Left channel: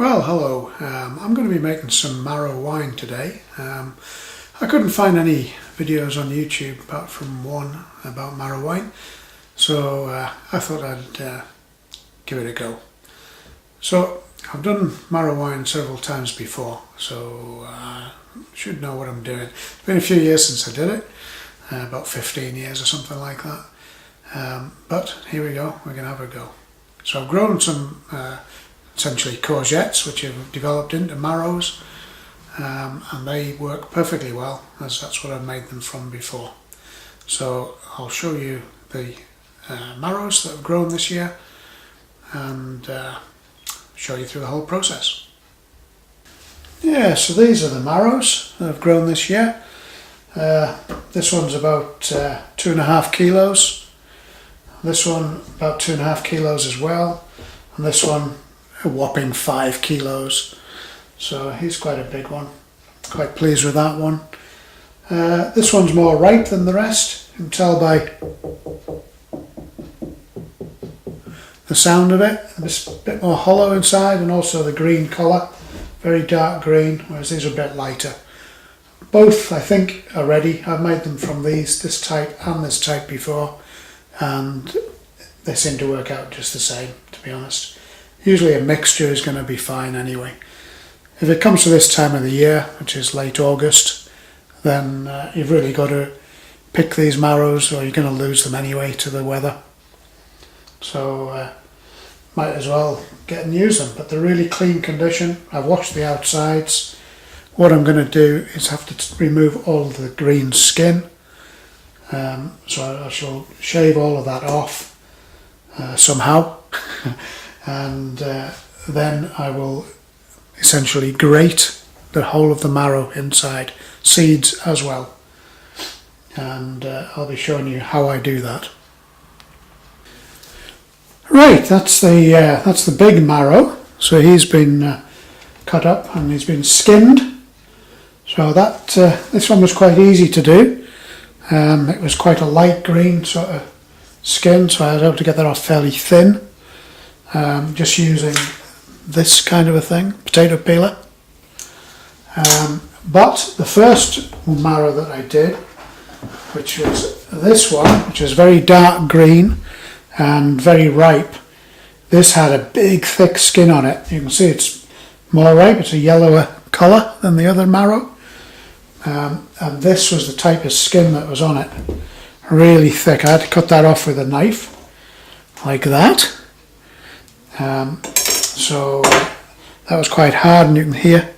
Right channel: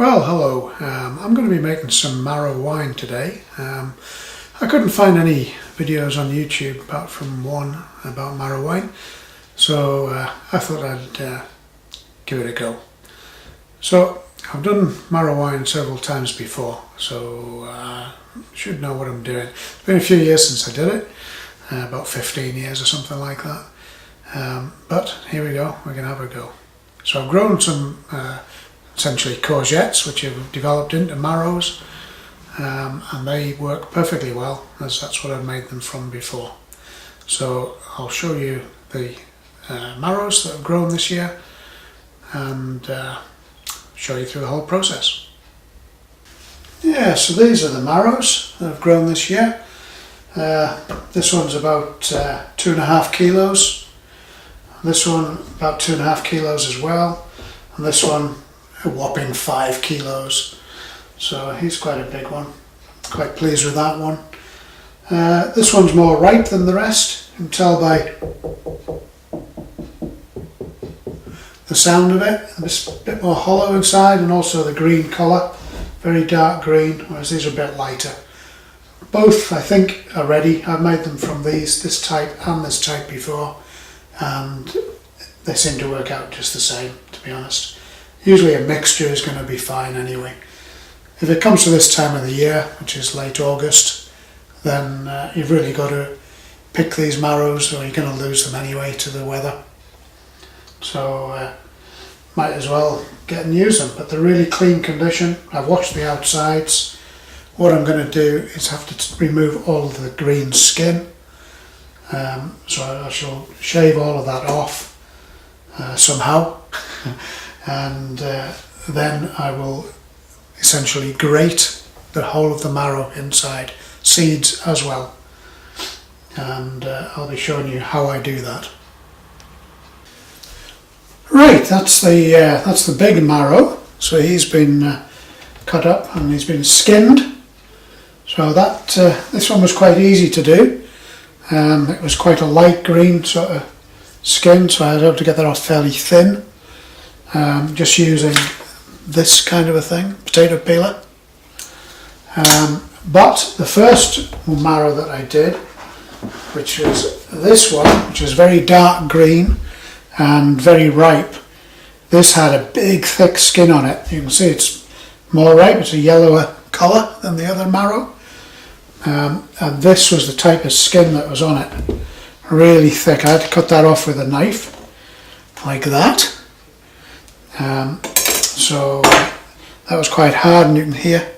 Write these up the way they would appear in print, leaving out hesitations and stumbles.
Well, hello. I'm going to be making some marrow wine today. I couldn't find any videos on YouTube apart from one about marrow wine, so I thought I'd give it a go. So I've done marrow wine several times before, so I should know what I'm doing. It's been a few years since I did it, about 15 years or something like that. But here we go, we're going to have a go. So I've grown some essentially courgettes, which have developed into marrows, and they work perfectly well, as that's what I've made them from before. So I'll show you the marrows that have grown this year and show you through the whole process. Yeah, so these are the marrows that have grown this year. This one's about 2.5 kilos. This one about 2.5 kilos as well, and this one a whopping 5 kilos. So he's quite a big one. Quite pleased with that one. This one's more ripe than the rest. You can tell by the sound of it. It's a bit more hollow inside, and also the green colour, very dark green, whereas these are a bit lighter. Both I think are ready. I've made them from this type and this type before, and they seem to work out just the same, to be honest. Usually a mixture is going to be fine anyway. If it comes to this time of the year, which is late August, then you've really got to pick these marrows, or you're going to lose them anyway to the weather. So might as well get and use them. But they're really clean condition. I've washed the outsides. What I'm going to do is have to remove all the green skin. So I shall shave all of that off somehow. And then I will essentially grate the whole of the marrow inside, seeds as well, and I'll be showing you how I do that. Right, that's the big marrow. So he's been cut up and he's been skinned. So that this one was quite easy to do. It was quite a light green sort of skin, so I was able to get that off fairly thin. Just using this kind of a thing, potato peeler. But the first marrow that I did, which was this one, which is very dark green and very ripe, this had a big thick skin on it. You can see it's more ripe, it's a yellower colour than the other marrow. And this was the type of skin that was on it, really thick. I had to cut that off with a knife, like that. So that was quite hard, and you can hear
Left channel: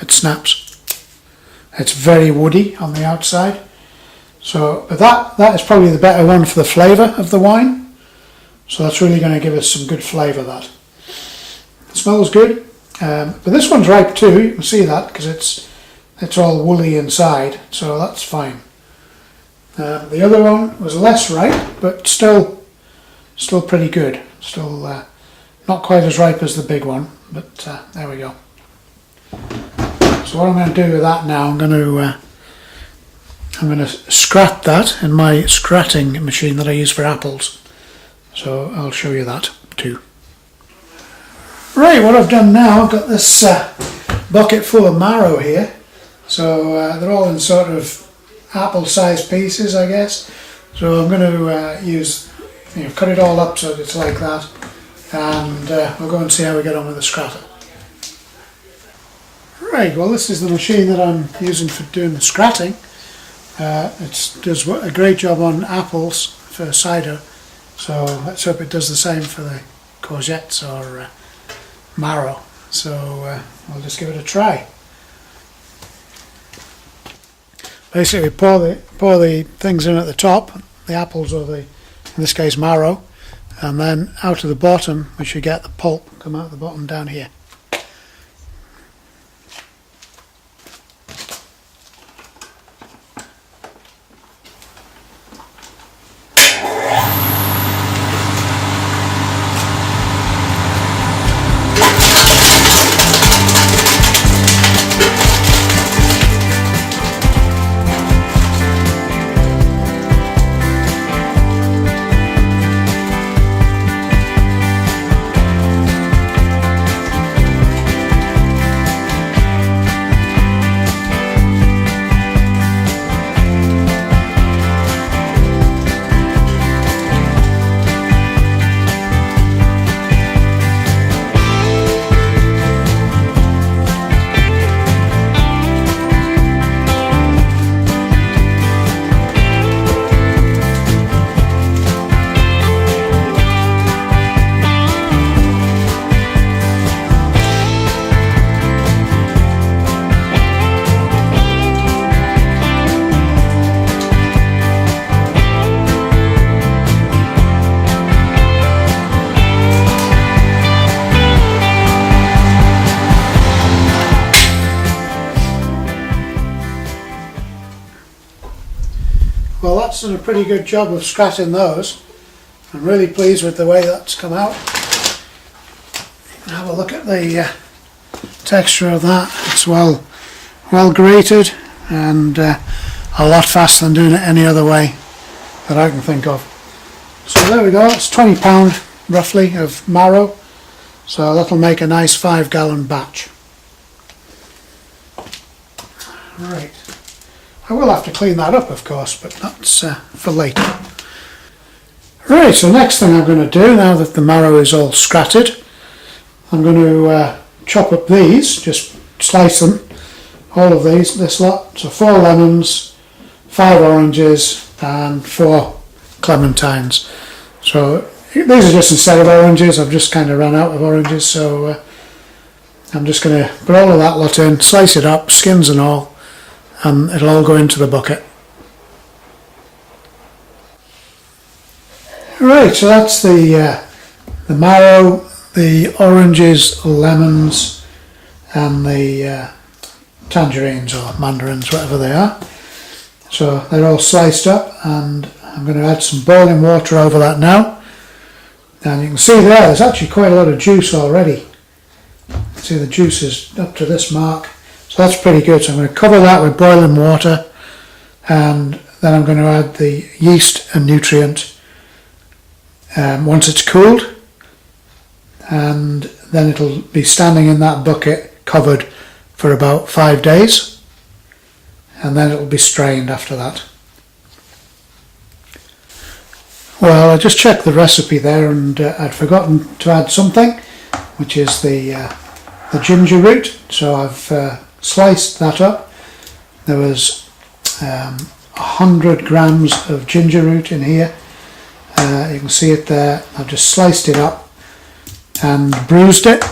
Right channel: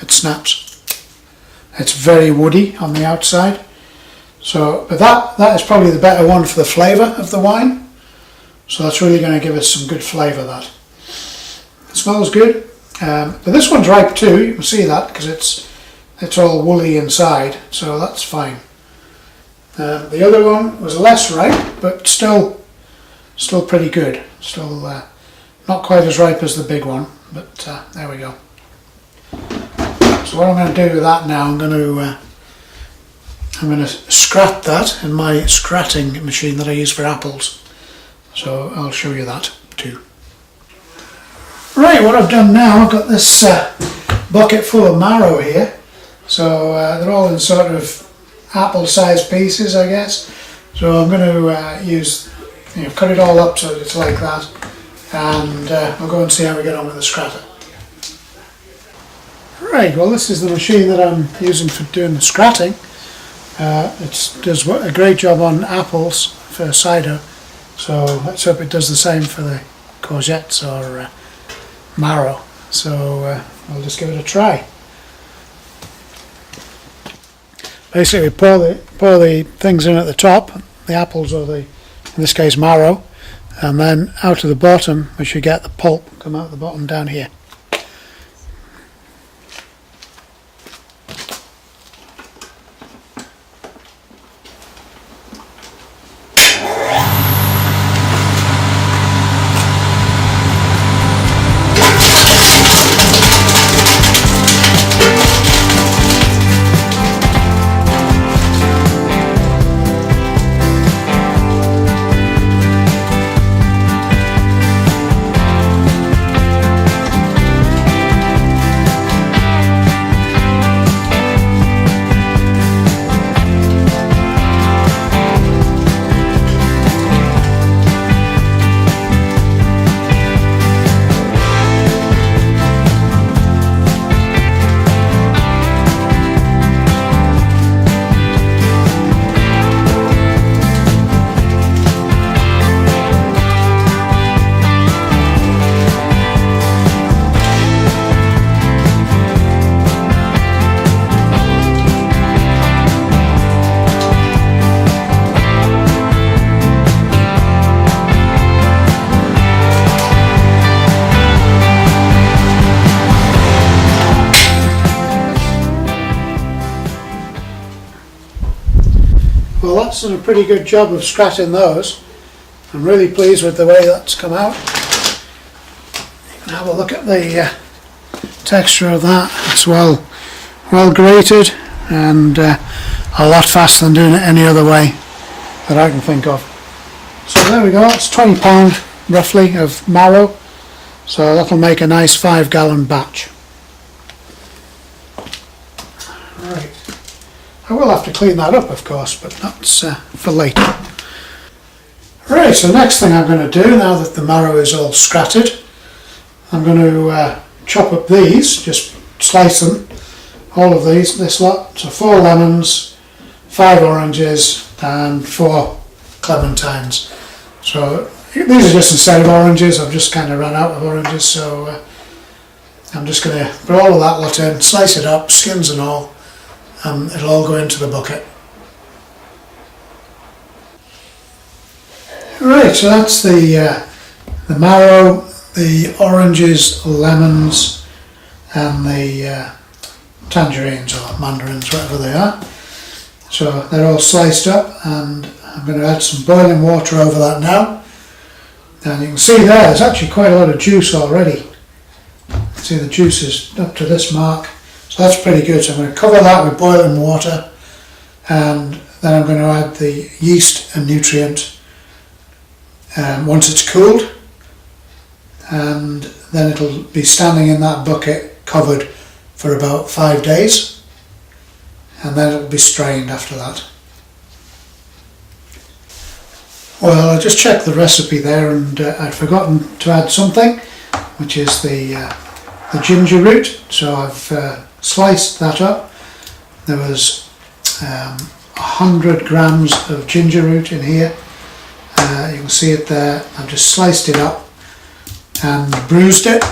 it snaps. It's very woody on the outside. So, but that is probably the better one for the flavour of the wine. So that's really going to give us some good flavour. That it smells good. But this one's ripe too. You can see that because it's all woolly inside. So that's fine. The other one was less ripe, but still pretty good. Still not quite as ripe as the big one, but there we go. So what I'm going to do with that now, I'm going to scrat that in my scratting machine that I use for apples. So I'll show you that too. Right, what I've done now, I've got this bucket full of marrow here. So they're all in sort of apple-sized pieces, I guess. So I'm going to cut it all up so it's like that, and we'll go and see how we get on with the scratter. Right, well, this is the machine that I'm using for doing the scratting. It does a great job on apples for cider, so let's hope it does the same for the courgettes or marrow. So I'll just give it a try. Basically, pour the things in at the top, the apples or in this case marrow, and then out of the bottom we should get the pulp come out the bottom down here. Well, that's done a pretty good job of scratching those. I'm really pleased with the way that's come out. You can have a look at the texture of that. It's well grated and a lot faster than doing it any other way that I can think of. So there we go, it's £20 roughly of marrow, so that'll make a nice 5-gallon batch. Right, I will have to clean that up of course, but that's for later. Right, so next thing I'm going to do, now that the marrow is all scratted, I'm going to chop up these, just slice them, all of these, this lot, so 4 lemons, 5 oranges and 4 clementines. So these are just instead of oranges, I've just kind of run out of oranges, so I'm just going to put all of that lot in, slice it up, skins and all, and it'll all go into the bucket. Right, so that's the marrow, the oranges, lemons and the tangerines or mandarins, whatever they are. So they're all sliced up, and I'm going to add some boiling water over that now. And you can see there's actually quite a lot of juice already. See, the juice is up to this mark, so that's pretty good. So I'm going to cover that with boiling water, and then I'm going to add the yeast and nutrient once it's cooled, and then it'll be standing in that bucket covered for about 5 days, and then it'll be strained after that. Well, I just checked the recipe there, and I'd forgotten to add something, which is the ginger root. So I've sliced that up. There was 100 grams of ginger root in here. You can see it there. I've just sliced it up and bruised it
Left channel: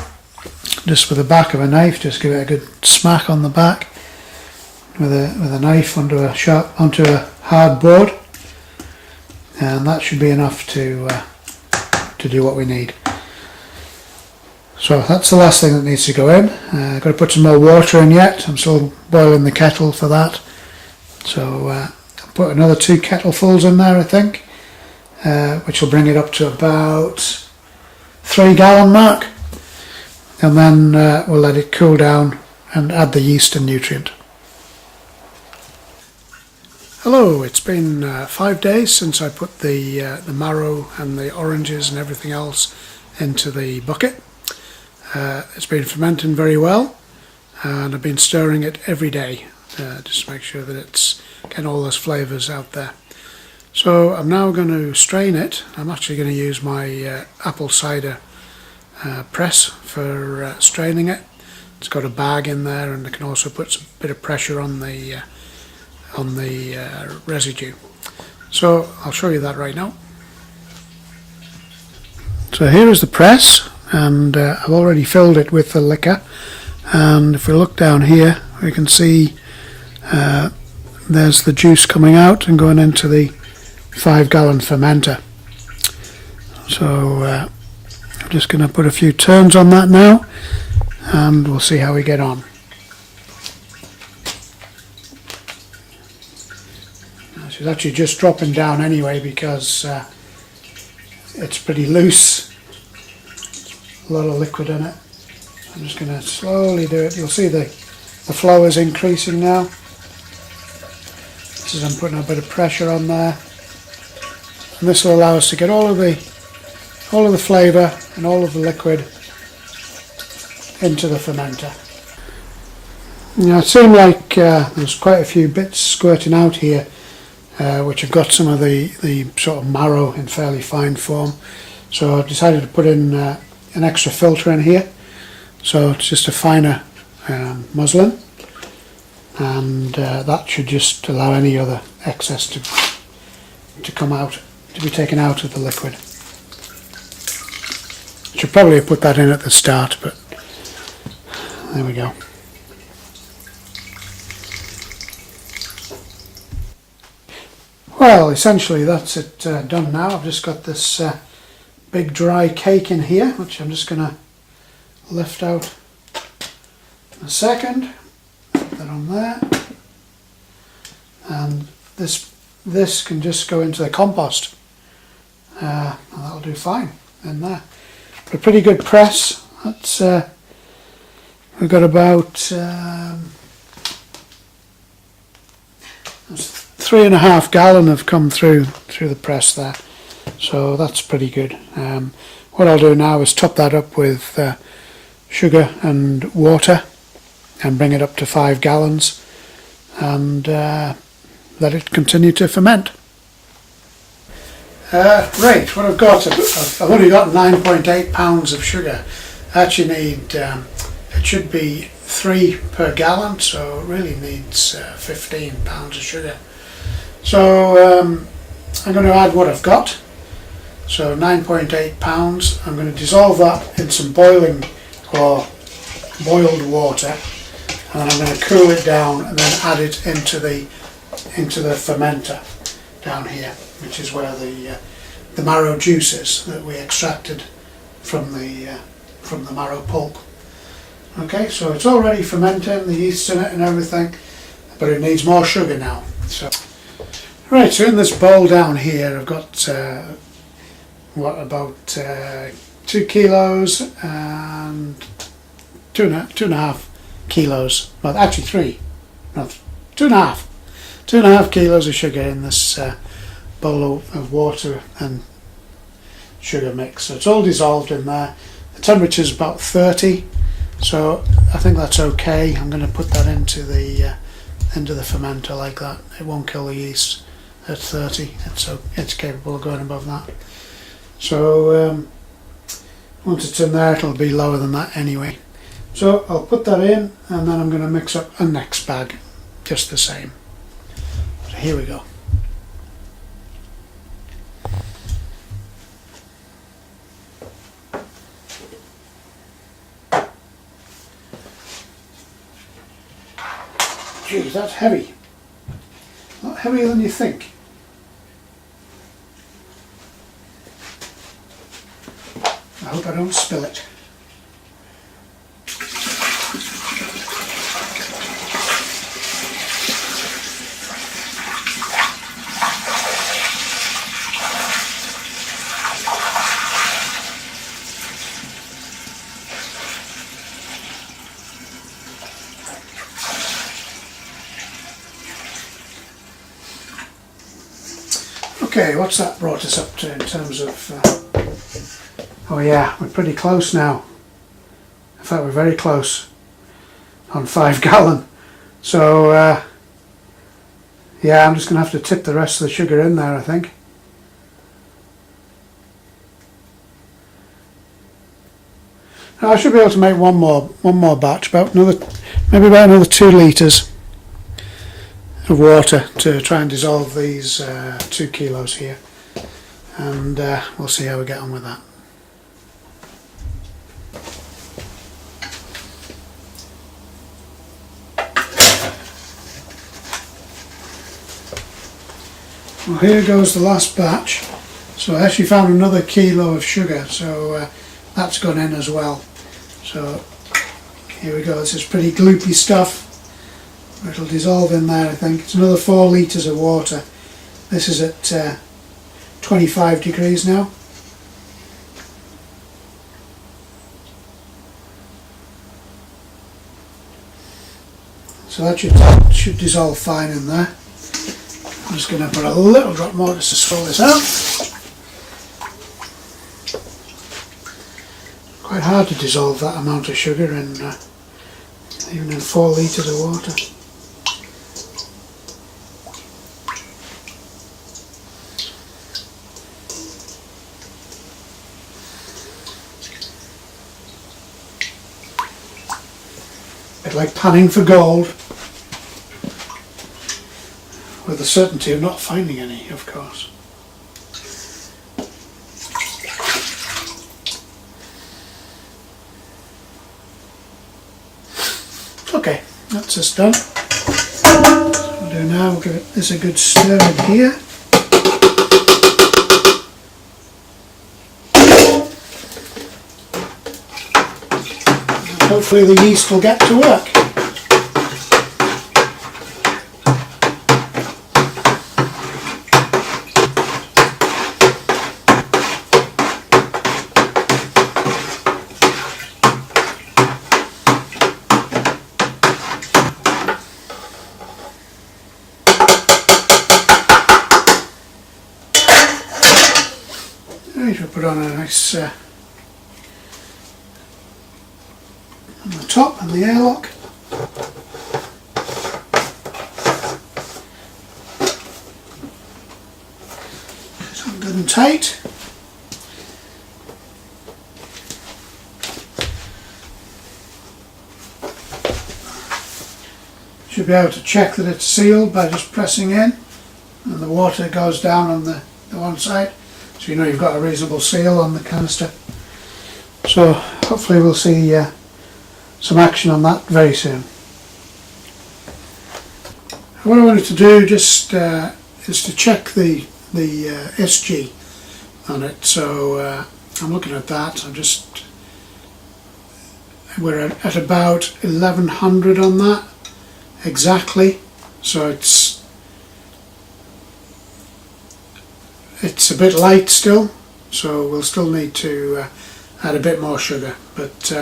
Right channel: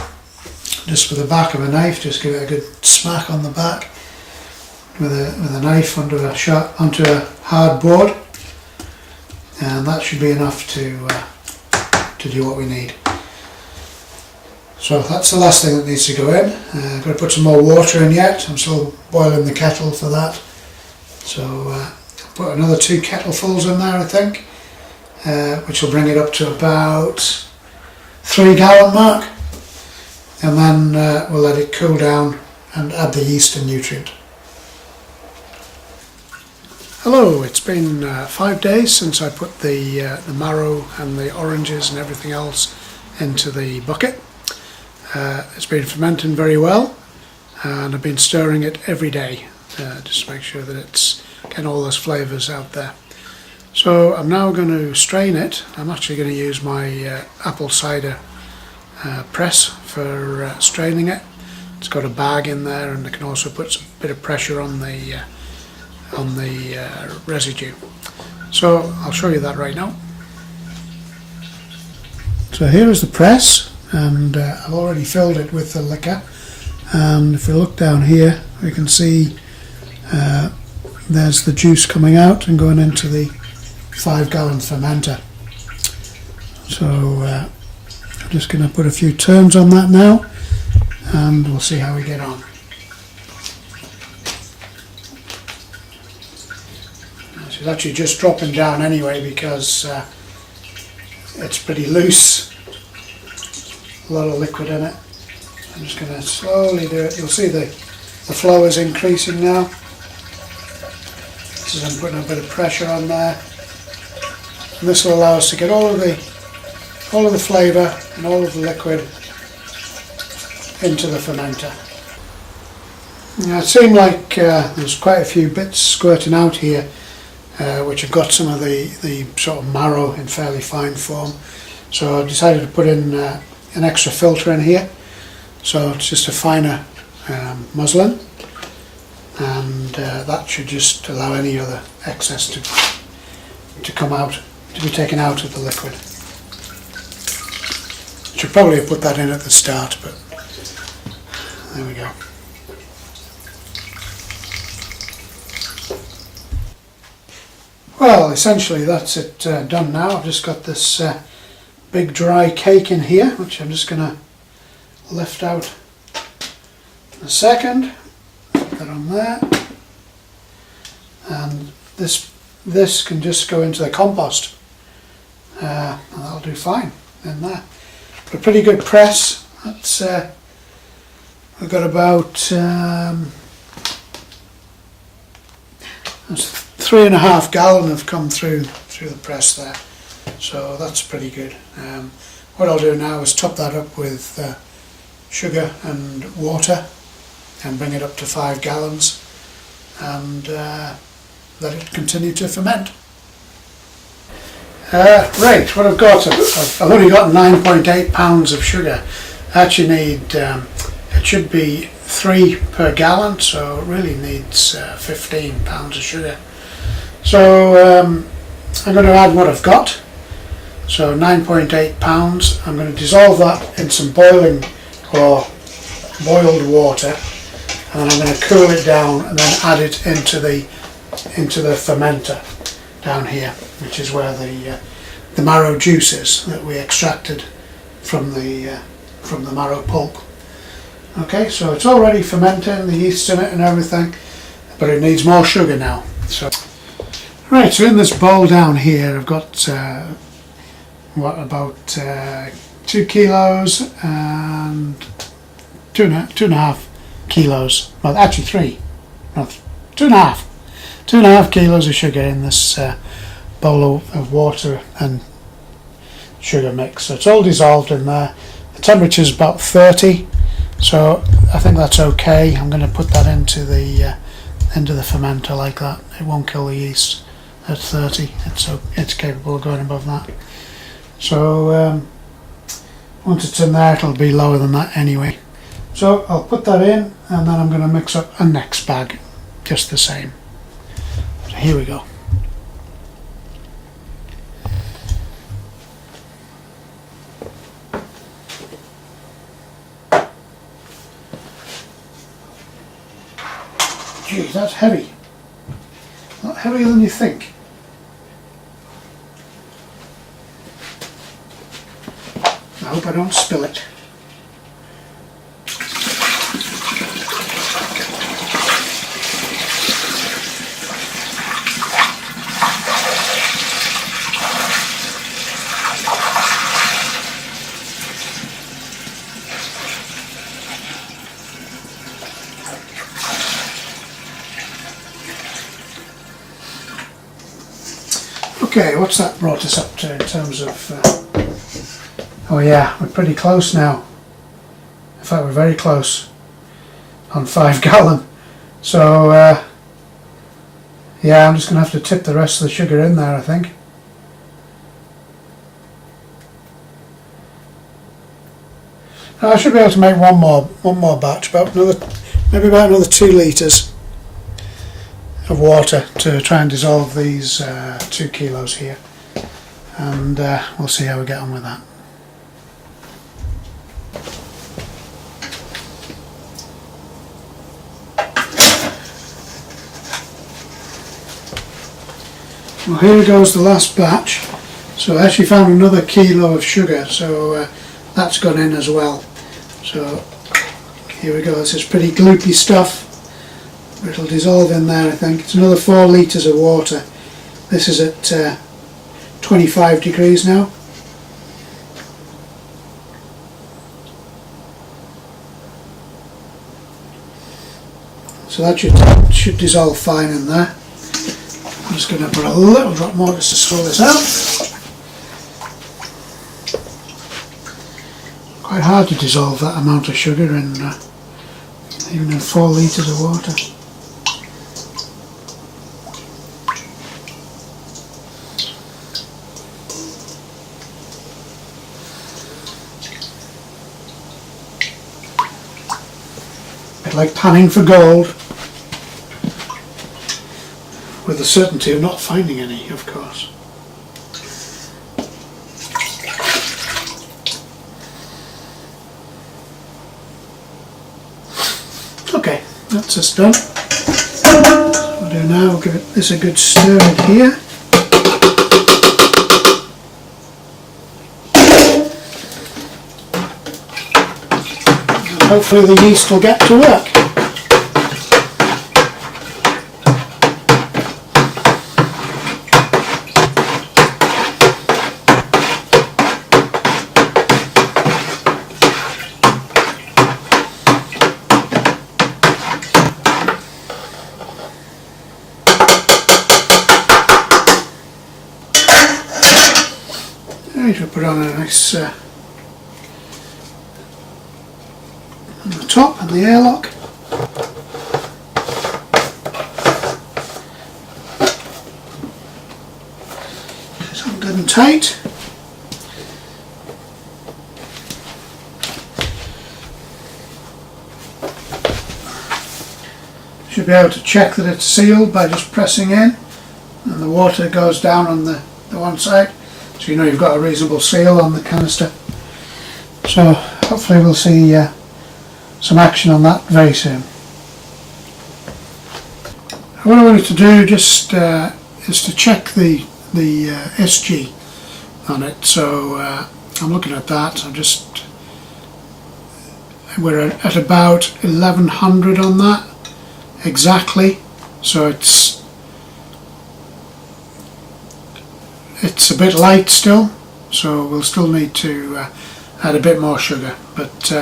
just with the back of a knife. Just give it a good smack on the back with a knife onto a hard board, and that should be enough to do what we need. So that's the last thing that needs to go in. I've got to put some more water in yet. I'm still boiling the kettle for that. So I'll put another 2 kettlefuls in there, I think, which will bring it up to about 3-gallon mark, and then we'll let it cool down and add the yeast and nutrient. Hello, it's been 5 days since I put the marrow and the oranges and everything else into the bucket. It's been fermenting very well, and I've been stirring it every day just to make sure that it's getting all those flavours out there. So I'm now going to strain it. I'm actually going to use my apple cider press for straining it. It's got a bag in there, and I can also put a bit of pressure on the residue. So I'll show you that right now. So here's the press, and I've already filled it with the liquor, and if we look down here we can see there's the juice coming out and going into the 5-gallon fermenter. So I'm just going to put a few turns on that now, and we'll see how we get on. It's actually just dropping down anyway because it's pretty loose, a lot of liquid in it. I'm just going to slowly do it. You'll see the flow is increasing now. This is, I'm putting a bit of pressure on there, and this will allow us to get all of the flavour and all of the liquid into the fermenter. Now, it seemed like there's quite a few bits squirting out here, which have got some of the sort of marrow in fairly fine form. So I decided to put in an extra filter in here. So it's just a finer muslin, and that should just allow any other excess to come out, to be taken out of the liquid. Should probably have put that in at the start, but there we go. Well, essentially that's it done now. I've just got this big dry cake in here, which I'm just going to lift out in a second. Put that on there. And this this can just go into the compost, and that'll do fine in there. But a pretty good press. That's we've got about that's 3.5 gallon have come through the press there, so that's pretty good. What I'll do now is top that up with sugar and water and bring it up to 5 gallons and let it continue to ferment. Right, what I've got, I've only got 9.8 pounds of sugar. I actually need, it should be 3 per gallon, so it really needs 15 pounds of sugar. So I'm going to add what I've got. So 9.8 pounds. I'm going to dissolve that in some boiling or boiled water, and then I'm going to cool it down and then add it into the fermenter down here, which is where the marrow juice is that we extracted from the marrow pulp. Okay, so it's already fermenting, the yeast in it and everything, but it needs more sugar now. So right, so in this bowl down here I've got about 2 kilos and 2.5 kilos, well actually 3, no, 2.5 kilos of sugar in this bowl of water and sugar mix. So it's all dissolved in there. The temperature is about 30, so I think that's okay. I'm going to put that into the fermenter like that. It won't kill the yeast at 30. It's capable of going above that. So once it's in there, it'll be lower than that anyway. So I'll put that in, and then I'm going to mix up a next bag just the same. So here we go. Geez, that's heavy. A lot heavier than you think. I hope I don't spill it. Okay, what's that brought us up to in terms of... oh yeah, we're pretty close now. In fact, we're very close on 5 gallon. So yeah, I'm just going to have to tip the rest of the sugar in there, I think. Now, I should be able to make one more batch, maybe about another 2 litres of water to try and dissolve these 2 kilos here, and we'll see how we get on with that. Well, here goes the last batch. So I actually found another kilo of sugar, so that's gone in as well. So here we go. This is pretty gloopy stuff. It'll dissolve in there, I think. It's another 4 litres of water. This is at 25 degrees now. So that should dissolve fine in there. I'm just going to put a little drop more just to swirl this out. Quite hard to dissolve that amount of sugar in even in 4 litres of water. Bit like panning for gold, with the certainty of not finding any, of course. Okay, that's us done. So what we'll do now, we'll give this a good stir in here. And hopefully the yeast will get to work. Right, we'll put on a nice on the top and the airlock. It's all good and tight. Should be able to check that it's sealed by just pressing in, and the water goes down on the one side, so you know you've got a reasonable seal on the canister. So hopefully we'll see some action on that very soon. What I wanted to do just is to check the SG on it. So I'm looking at that. We're at about 1100 on that exactly. So it's a bit light still. So we'll still need to add a bit more sugar, but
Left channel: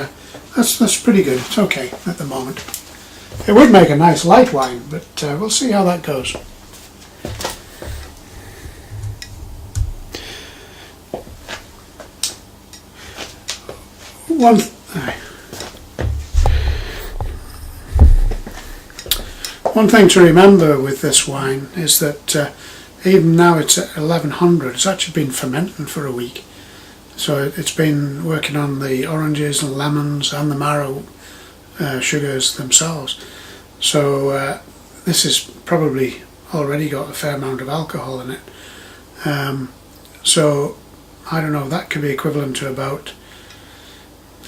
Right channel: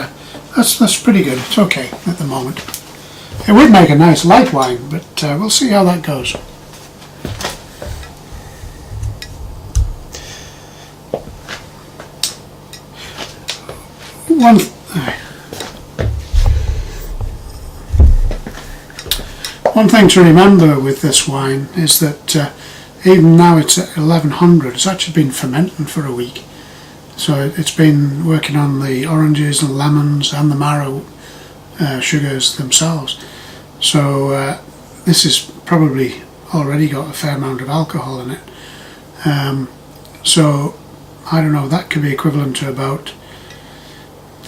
that's pretty good. It's okay at the moment. It would make a nice light wine, but we'll see how that goes. One thing to remember with this wine is that even now it's at 1100, it's actually been fermenting for a week. So it's been working on the oranges and lemons and the Marrow sugars themselves. So this has probably already got a fair amount of alcohol in it. So I don't know, that could be equivalent to about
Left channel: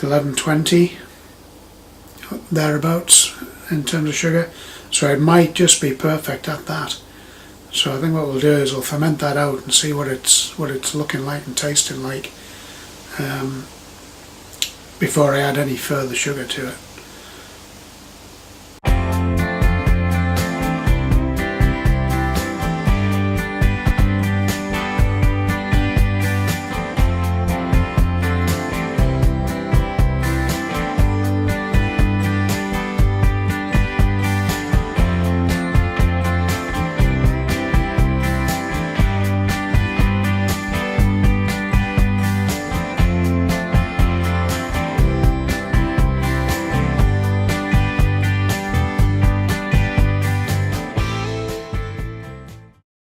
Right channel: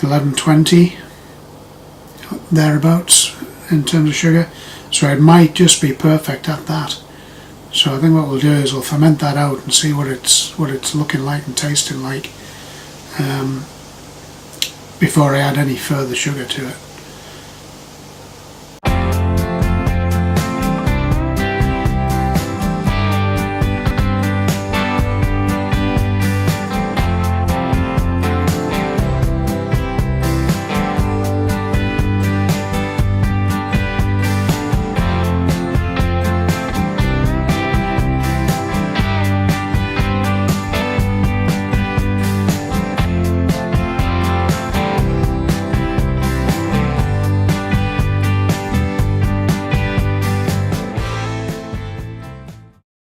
1120 thereabouts in terms of sugar. So it might just be perfect at that. So I think what we'll do is we'll ferment that out and see what it's looking like and tasting like before I add any further sugar to it.